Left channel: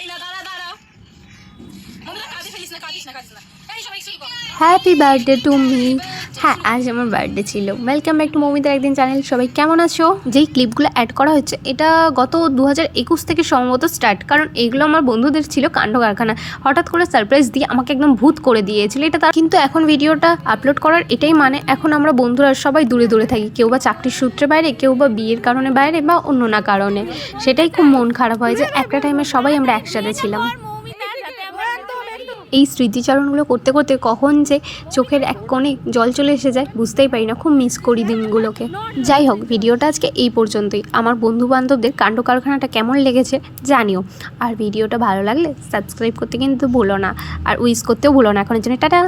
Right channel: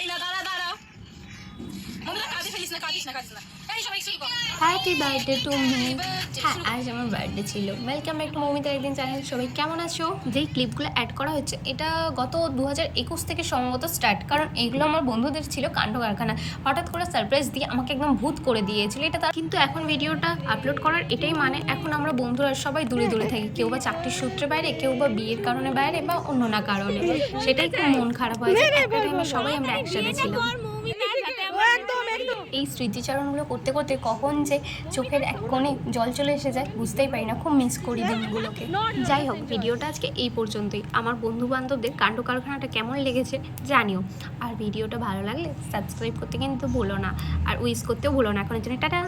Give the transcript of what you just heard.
এই না দাঁড়া দাঁড়া মনে কাঁদে ফেলিস না কাঁদিস না কাঁদিস না এই সবাই শুই কর হ্যাপি বার্থডে টু মি। হ্যাঁ, আজ আমার বার্থডে ছিল। ওয়েলকাম ব্যাক টু মৌমিতার একদিন চ্যানেল। সবাই কেমন আছো? যেই ক্লিপগুলো অ্যাড করা হচ্ছে এটা গত 2021 থেকে সম্ভবত স্টার্ট, কারণ এগুলো আমার বন্ধুদের ছিল কাণ্ড কারখানা। হঠাৎ করে সারপ্রাইজ দিয়ে আমাকে একদম ভূত করে দিয়েছিল এটা তার। কিন্তু এখন ভিডিওটা আপলোড করার এটাই মানে, এখন আমরা বন্ধুরা সবাই দূরে দূরে থাকি, কেউ বা চাকরির সূত্রে বাইরে, কেউ বা বিয়ের কারণে বাইরে, বা অন্য না কারণে। সেটাই খুব মন খারাপ হয় যে একটা টাইমে সবাই আমরা একসাথে ছিলাম। এই স্মৃতিচারণগুলো করতে করতে কখন যে চোখের এক কোণে জল চলে এসে যায় বুঝতেই পারি না। খুব মিস করি দিনগুলোকে। যাই হোক, ভিডিওটা আজকে এই পর্যন্তই। আমার বন্ধু বান্ধবদের কাণ্ড কারখানাটা কেমন লেগেছে জানিও। আর ভিডিওটা ভালো লাগলে সাবস্ক্রাইব করতে কিন্তু ভুলো না, আর উইশ করতেও ভুলো না। এখনের জন্য টাটা।